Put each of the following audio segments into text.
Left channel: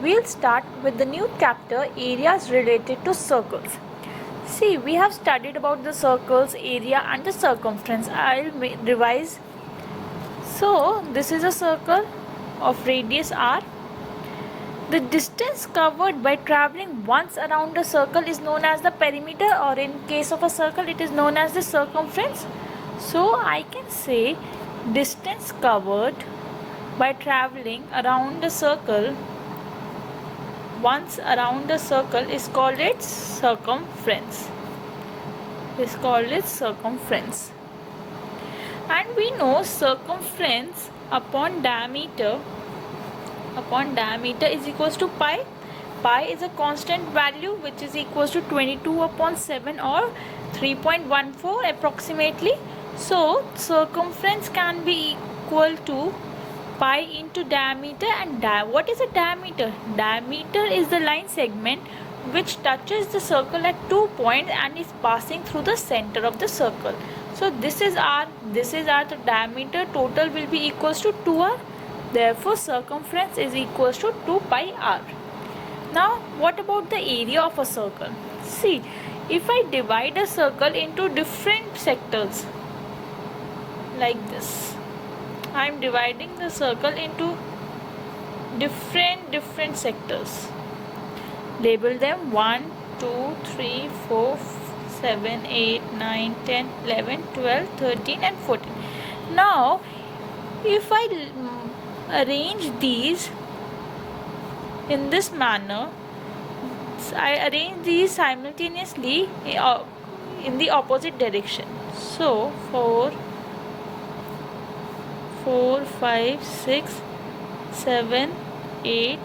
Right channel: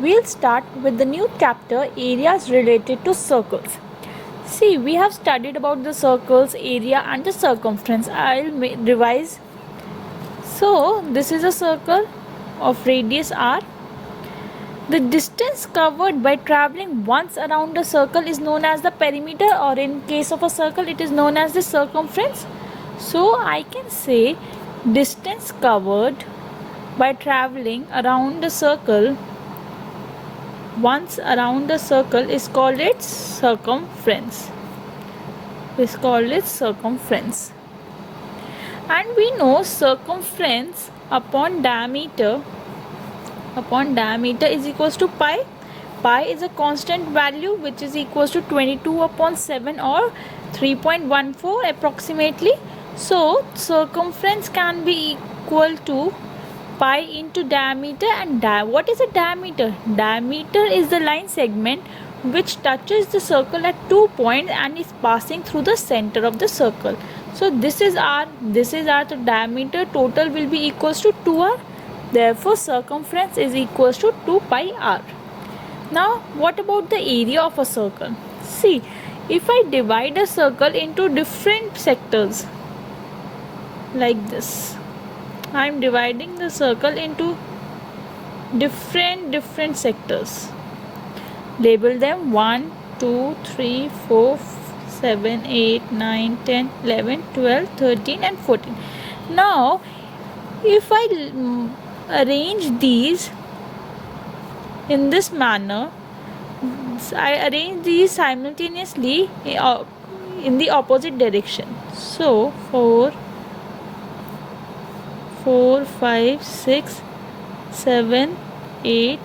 We'll start with the new chapter, areas related to circles. See, we have studied about the circles, area and the circumference. I'll revise. So, this is a circle of radius r. The distance covered by traveling once around the circle is known as the perimeter, or in case of a circle it is known as the circumference. So I can say distance covered by traveling around the circle once around the circle is called its circumference. And we know circumference upon diameter is equals to pi. Pi is a constant value which is equals to 22 upon 7 or 3.14 approximately. So circumference can be equal to pi into diameter. And what is a diameter? Diameter is the line segment which touches the circle at 2 points and is passing through the center of the circle. So this is r. So diameter total will be equals to 2r. Therefore, circumference is equals to 2 pi r. Now, what about the area of a circle? See, if I divide a circle into different sectors, like this, I am dividing the circle into different sectors. Label them 1, 2, 3, 4, 7, 8, 9, 10, 11, 12, 13 and 14. Now, if I arrange these in this manner, I arrange these simultaneously in the opposite direction. So 4, 5, 6, 7, 8,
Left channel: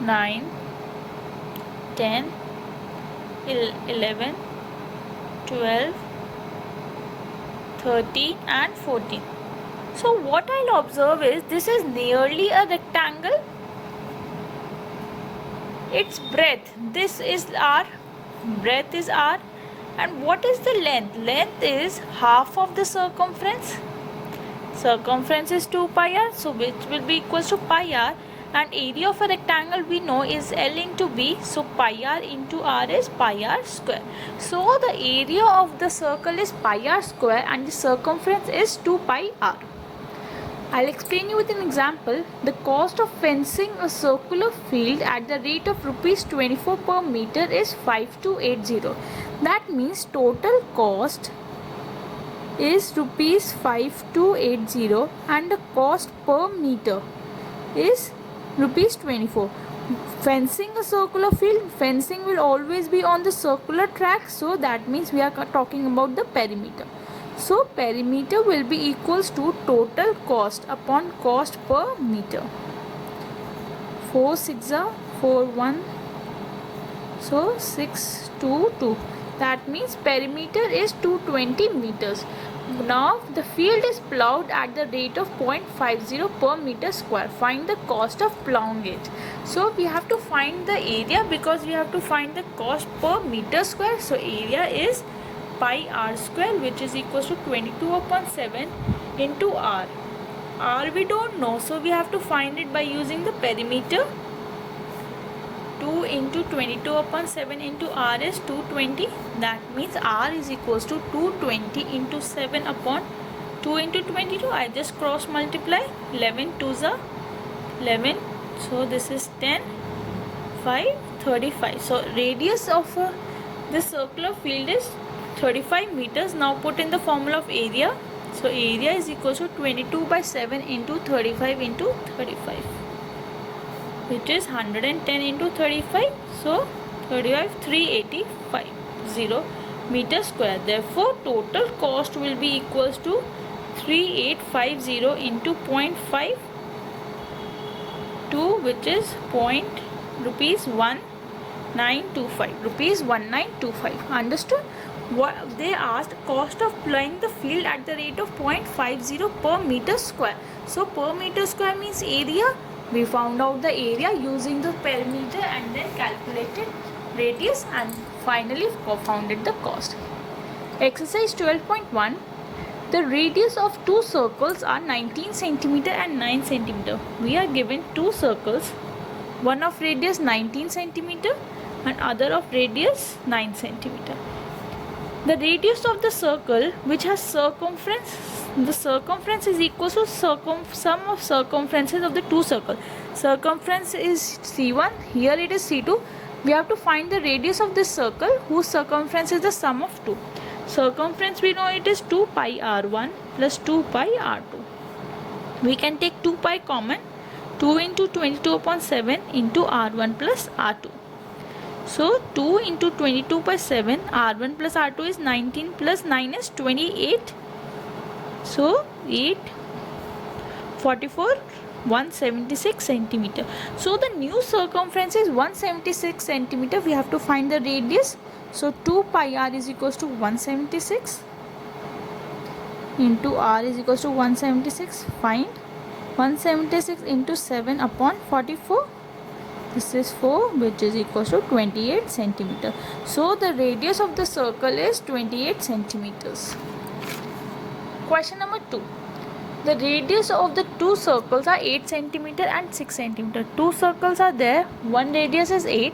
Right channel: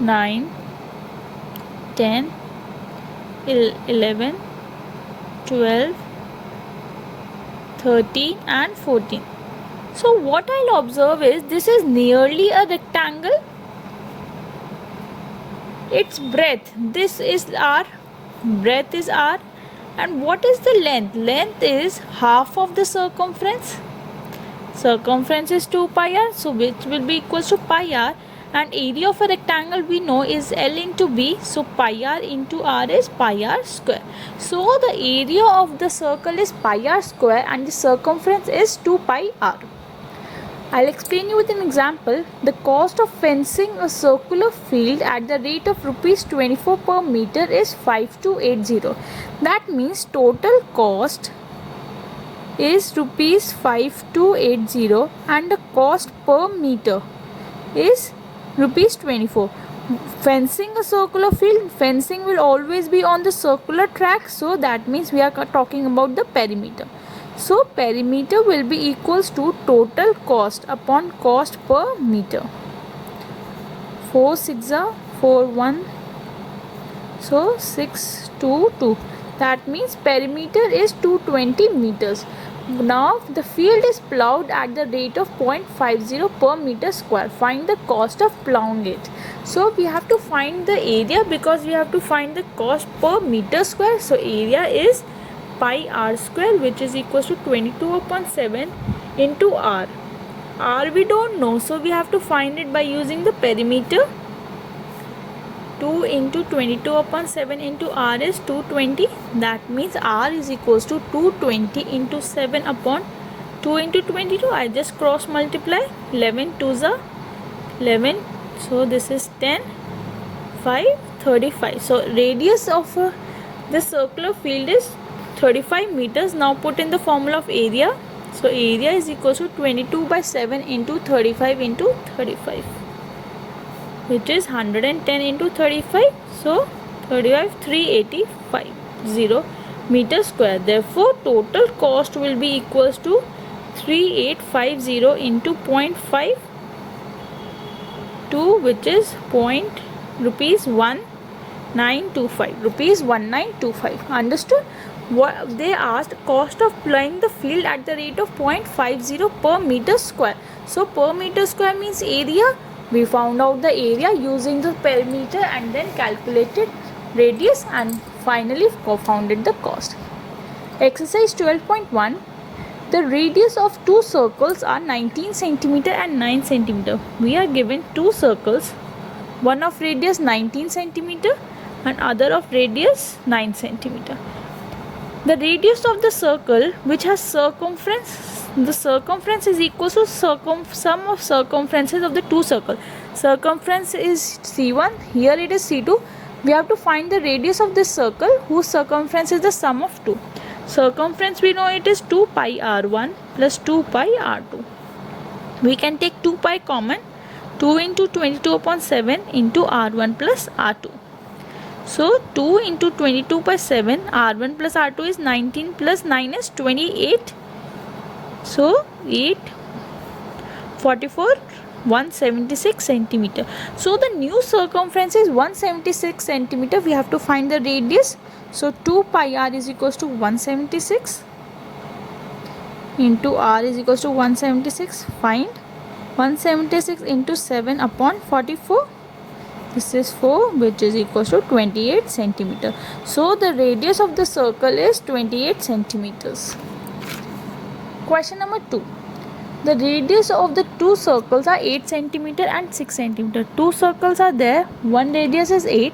9, 10, 11, 12, 13 and 14. So what I'll observe is this is nearly a rectangle. Its breadth, this is r, breadth is r, and what is the length? Length is half of the circumference. Circumference is 2 pi r, so which will be equals to pi r, and area of a rectangle we know is L into B, so pi r into r is pi r square. So the area of the circle is pi r square and the circumference is 2 pi r. I'll explain you with an example. The cost of fencing a circular field at the rate of rupees 24 per meter is 5280. That means total cost is rupees 5280 and the cost per meter is rupees 24. Fencing a circular field, fencing will always be on the circular track, so that means we are talking about the perimeter. So perimeter will be equals to total cost upon cost per meter. 4 6 are 4 1, so 6 2 2. That means perimeter is 220 meters. Now the field is ploughed at the rate of 0.50 per meter square. Find the cost of ploughing it. So we have to find the area because we have to find the cost per meter square. So area is pi r square, which is equals to 22 upon 7 into r. R we don't know, so we have to find it by using the perimeter. 2 into 22 upon 7 into r is 220. That means r is equals to 220 into 7 upon 2 into 22. I just cross multiply. 11 2s are 11. So this is 10, 5, 35. So radius of the circular field is 35 meters. Now put in the formula of area. So area is equals to 22 by 7 into 35 into 35, which is 110 into 35. So 35 385 meter square. Therefore total cost will be equals to 3850 into 0.52, which is rupees 1925. Understood? What they asked, cost of ploughing the field at the rate of 0.50 per meter square. So per meter square means area. We found out the area using the perimeter and then calculated radius and finally founded the cost. Exercise 12.1. The radius of two circles are 19 cm and 9 cm. We are given two circles one of radius 19 centimeter and other of radius 9 centimeter. The radius of the circle which has circumference, the circumference is equal to sum of circumferences of the two circles. Circumference is C1, here it is C2. We have to find the radius of this circle whose circumference is the sum of two. Circumference we know it is 2 pi r1 plus 2 pi r2. We can take 2 pi common, 2 into 22 upon 7 into r1 plus r2. So 2 into 22 by 7, r1 plus r2 is 19 plus 9 is 28. So 8, 44, 176 centimeter. So the new circumference is 176 centimeter. We have to find the radius. So 2 pi r is equals to 176 into r is equals to 176. Find 176 into 7 upon 44. This is 4, which is equals to 28 centimeter. So the radius of the circle is 28 centimeters. Question number 2. The radius of the two circles are 8 centimeter and 6 centimeter. Two circles are there. One radius is 8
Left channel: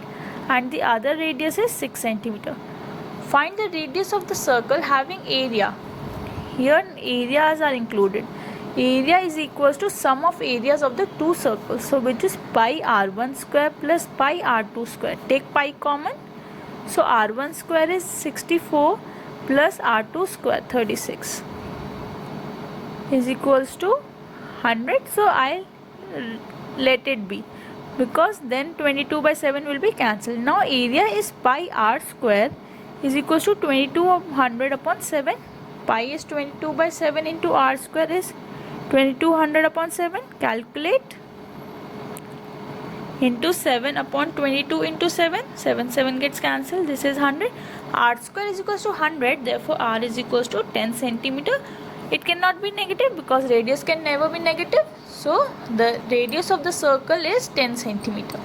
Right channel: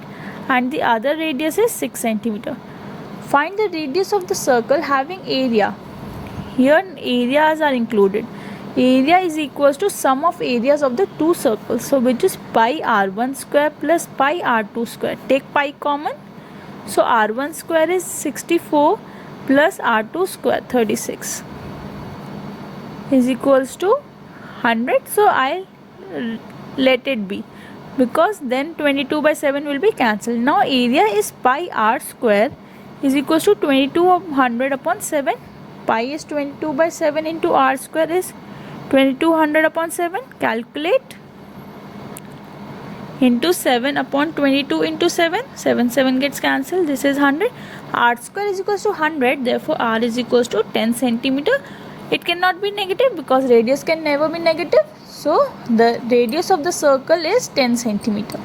and the other radius is 6 centimeter. Find the radius of the circle having area. Here areas are included. Area is equals to sum of areas of the two circles. So which is pi r1 square plus pi r2 square. Take pi common. So r1 square is 64 plus r2 square 36 is equals to 100. So I let it be because then 22 by 7 will be cancelled. Now area is pi r square is equals to 2200 upon 7. Pi is 22 by 7 into r square is 2200 upon 7. Calculate. Into 7 upon 22 into 7. 7 gets cancelled. This is 100. R square is equals to 100. Therefore r is equals to 10 centimeter. It cannot be negative because radius can never be negative. So the radius of the circle is 10 centimeter.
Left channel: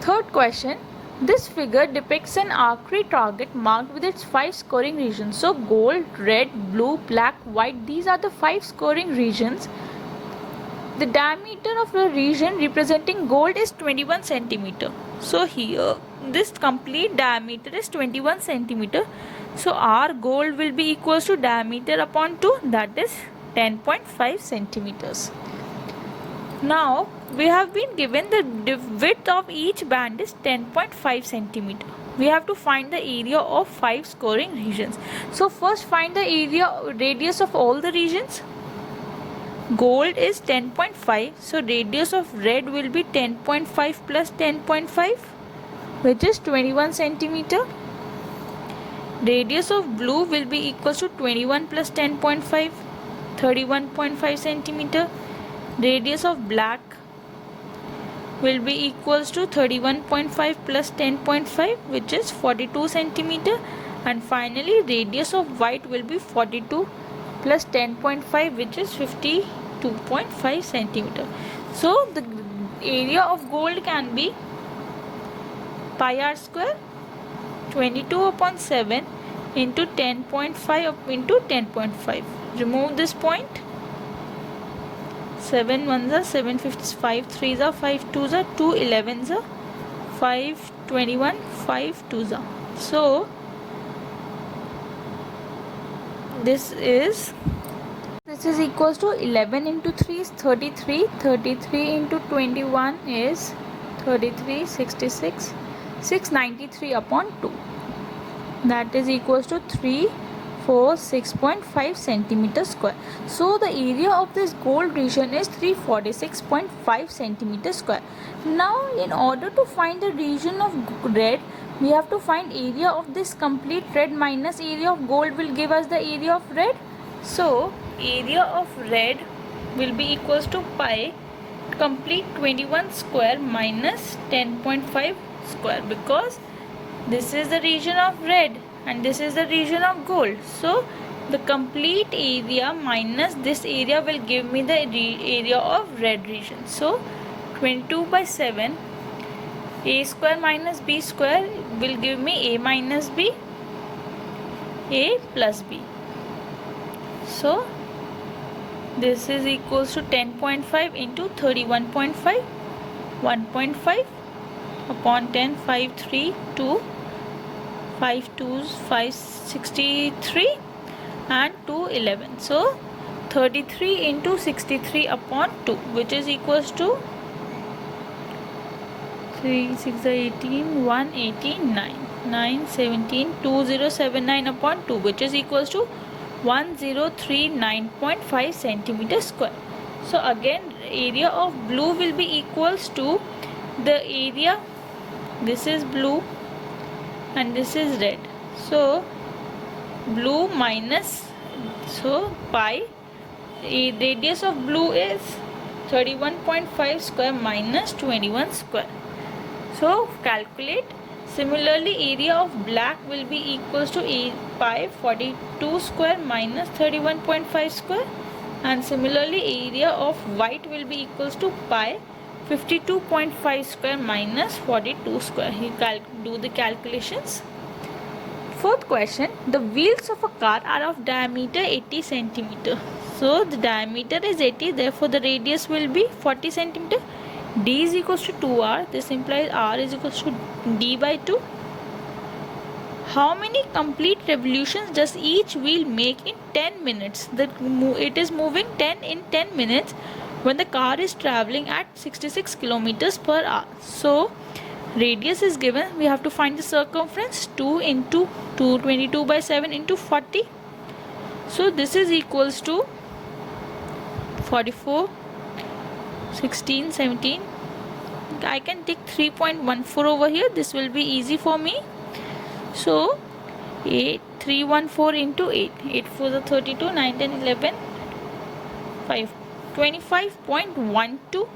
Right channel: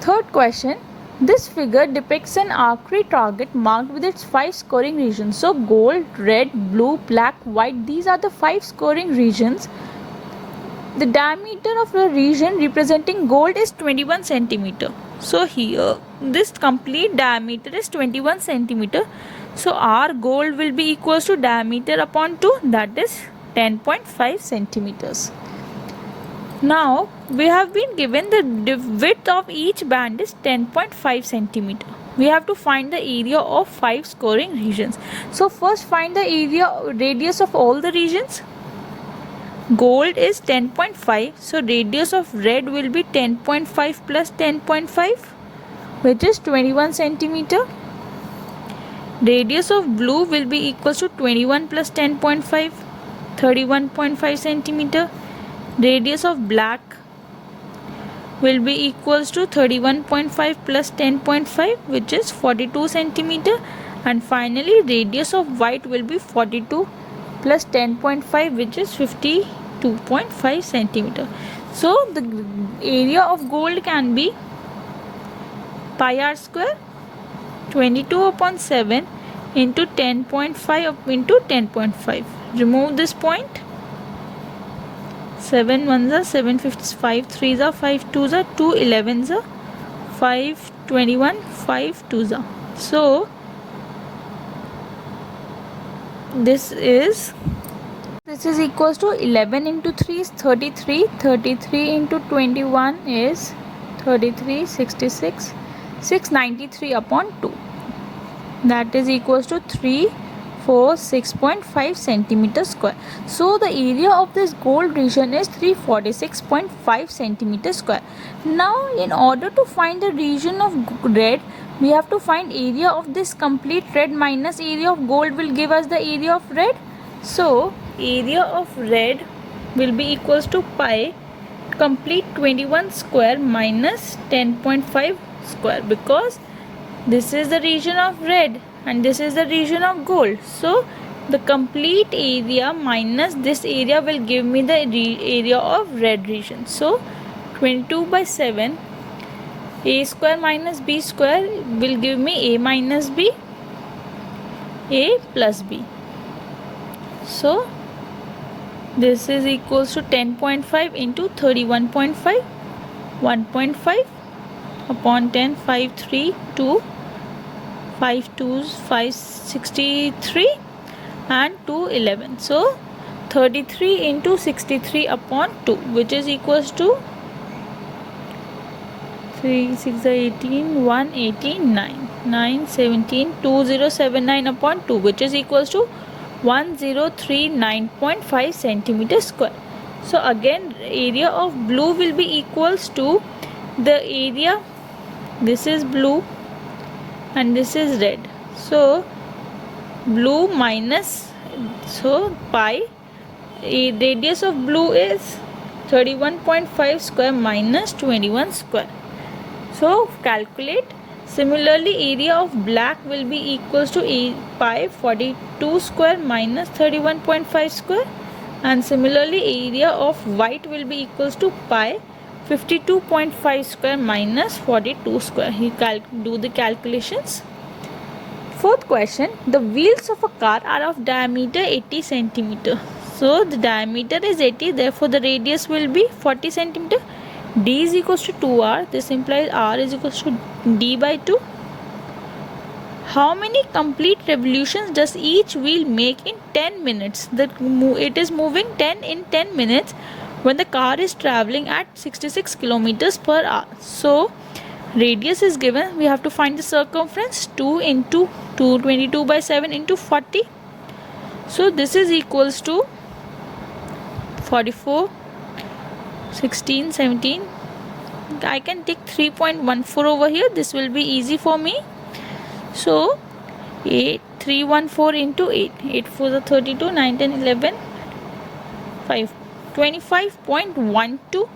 Third question. This figure depicts an archery target marked with its 5 scoring regions. So gold, red, blue, black, white, these are the 5 scoring regions. The diameter of a region representing gold is 21 centimeter. So here this complete diameter is 21 centimeter. So our gold will be equals to diameter upon 2, that is 10.5 centimeters. Now we have been given the width of each band is 10.5 centimeter. We have to find the area of 5 scoring regions. So first find the area radius of all the regions. Gold is 10.5. So radius of red will be 10.5 plus 10.5, which is 21 centimeter. Radius of blue will be equals to 21 plus 10.5, 31.5 centimeter. Radius of black will be equals to 31.5 plus 10.5, which is 42 centimeter. And finally radius of white will be 42 plus 10.5, which is 52.5 centimeter. So the area of gold can be pi r square 22 upon 7 into 10.5 into 10.5. Remove this point. 7 1s are 7 5 3s are 5 2s are 2 11s are 5 21 5 2s are. So this is equals to 11 into 3 is 33. 33 into 21 is 33. 66. 693 upon 2. That is equals to 346.5 centimeter square. So the area of this gold region is 346.5 centimeter square. Now in order to find the region of red, we have to find area of this complete red minus area of gold will give us the area of red. So area of red will be equals to pi complete 21 square minus 10.5 square, because this is the region of red and this is the region of gold. So the complete area minus this area will give me the area of red region. So 22 by 7, a square minus b square will give me a minus b, a plus b. So this is equals to 10.5 into 31.5. 1.5 upon 10, 5 3 2, 5 2s 563 and 2 11. So 33 into 63 upon 2, which is equals to 3 6 18 1 18 9 9 17 2079 upon 2, which is equals to 1039.5 centimeter square. So again, area of blue will be equals to the area, this is blue and this is red, so blue minus, so pi, radius of blue is 31.5 square minus 21 square. So calculate. Similarly, area of black will be equals to pi 42 square minus 31.5 square, and similarly area of white will be equals to pi 52.5 square minus 42 square. You do the calculations. Fourth question, the wheels of a car are of diameter 80 centimeter. So the diameter is 80, therefore the radius will be 40 centimeter. D is equals to 2r. This implies r is equals to d by 2. How many complete revolutions does each wheel make in 10 minutes? It is moving 10 in 10 minutes when the car is traveling at 66 kilometers per hour. So radius is given. We have to find the circumference. 2 into 222 by 7 into 40. So this is equals to 44, 16, 17. I can take 3.14 over here. This will be easy for me. So 314 into 8. 8 4 is 32, 9, 10, 11, 5. 25.12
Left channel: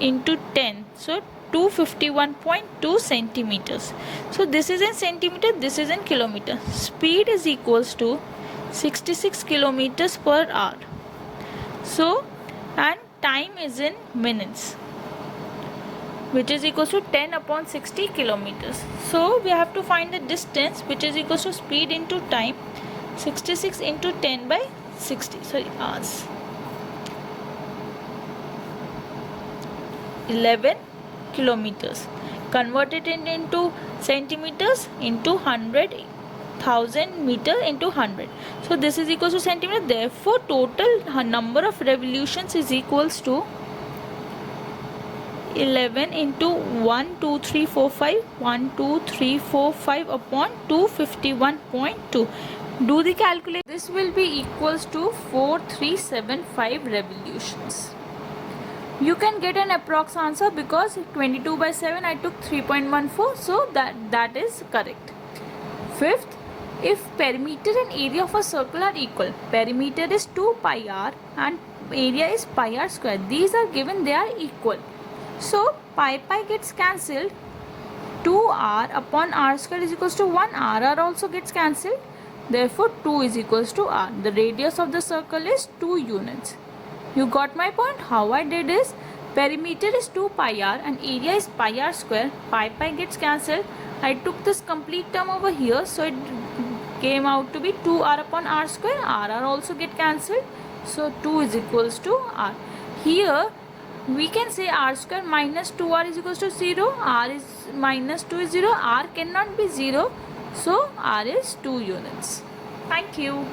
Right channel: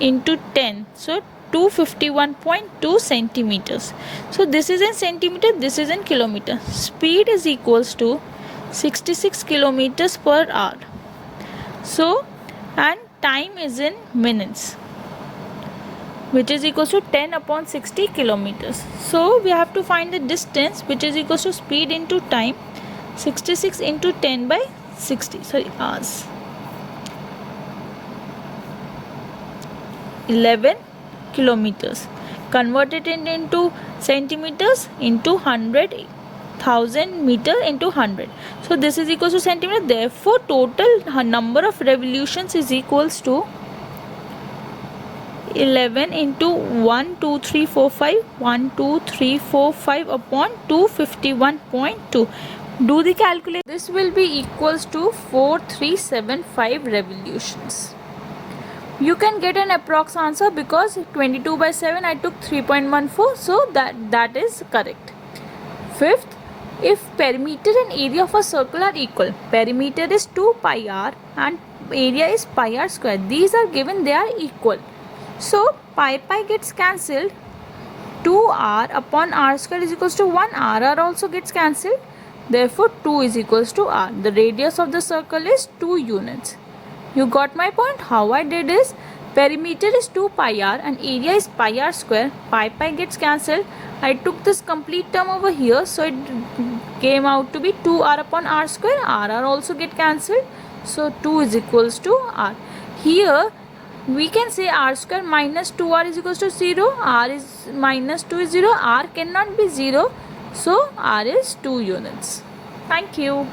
into 10. So 251.2 centimeters. So this is in centimeter, this is in kilometer. Speed is equals to 66 kilometers per hour. So, and time is in minutes, which is equals to 10 upon 60 kilometers. So we have to find the distance, which is equals to speed into time, 66 into 10 by 60, sorry, hours. 11 kilometers. Converted into centimeters into 100,000 meter into 100. So this is equals to centimeter. Therefore, total number of revolutions is equals to 11 into 1 2 3 4 5 1 2 3 4 5 upon 251.2. Do the calculation. This will be equals to 4375 revolutions. You can get an approx answer because 22 by 7 I took 3.14, so that is correct. Fifth, if perimeter and area of a circle are equal, perimeter is 2 pi r and area is pi r square. These are given, they are equal. So pi gets cancelled. 2r upon r square is equals to 1. R also gets cancelled. Therefore 2 is equals to r. The radius of the circle is 2 units. You got my point? How I did is, perimeter is 2 pi r and area is pi r square. Pi gets cancelled. I took this complete term over here, so it came out to be 2r upon r square. R also get cancelled. So 2 is equals to r. Here we can say r square minus 2r is equals to 0. R is minus 2 is 0. R cannot be 0. So r is 2 units. Thank you.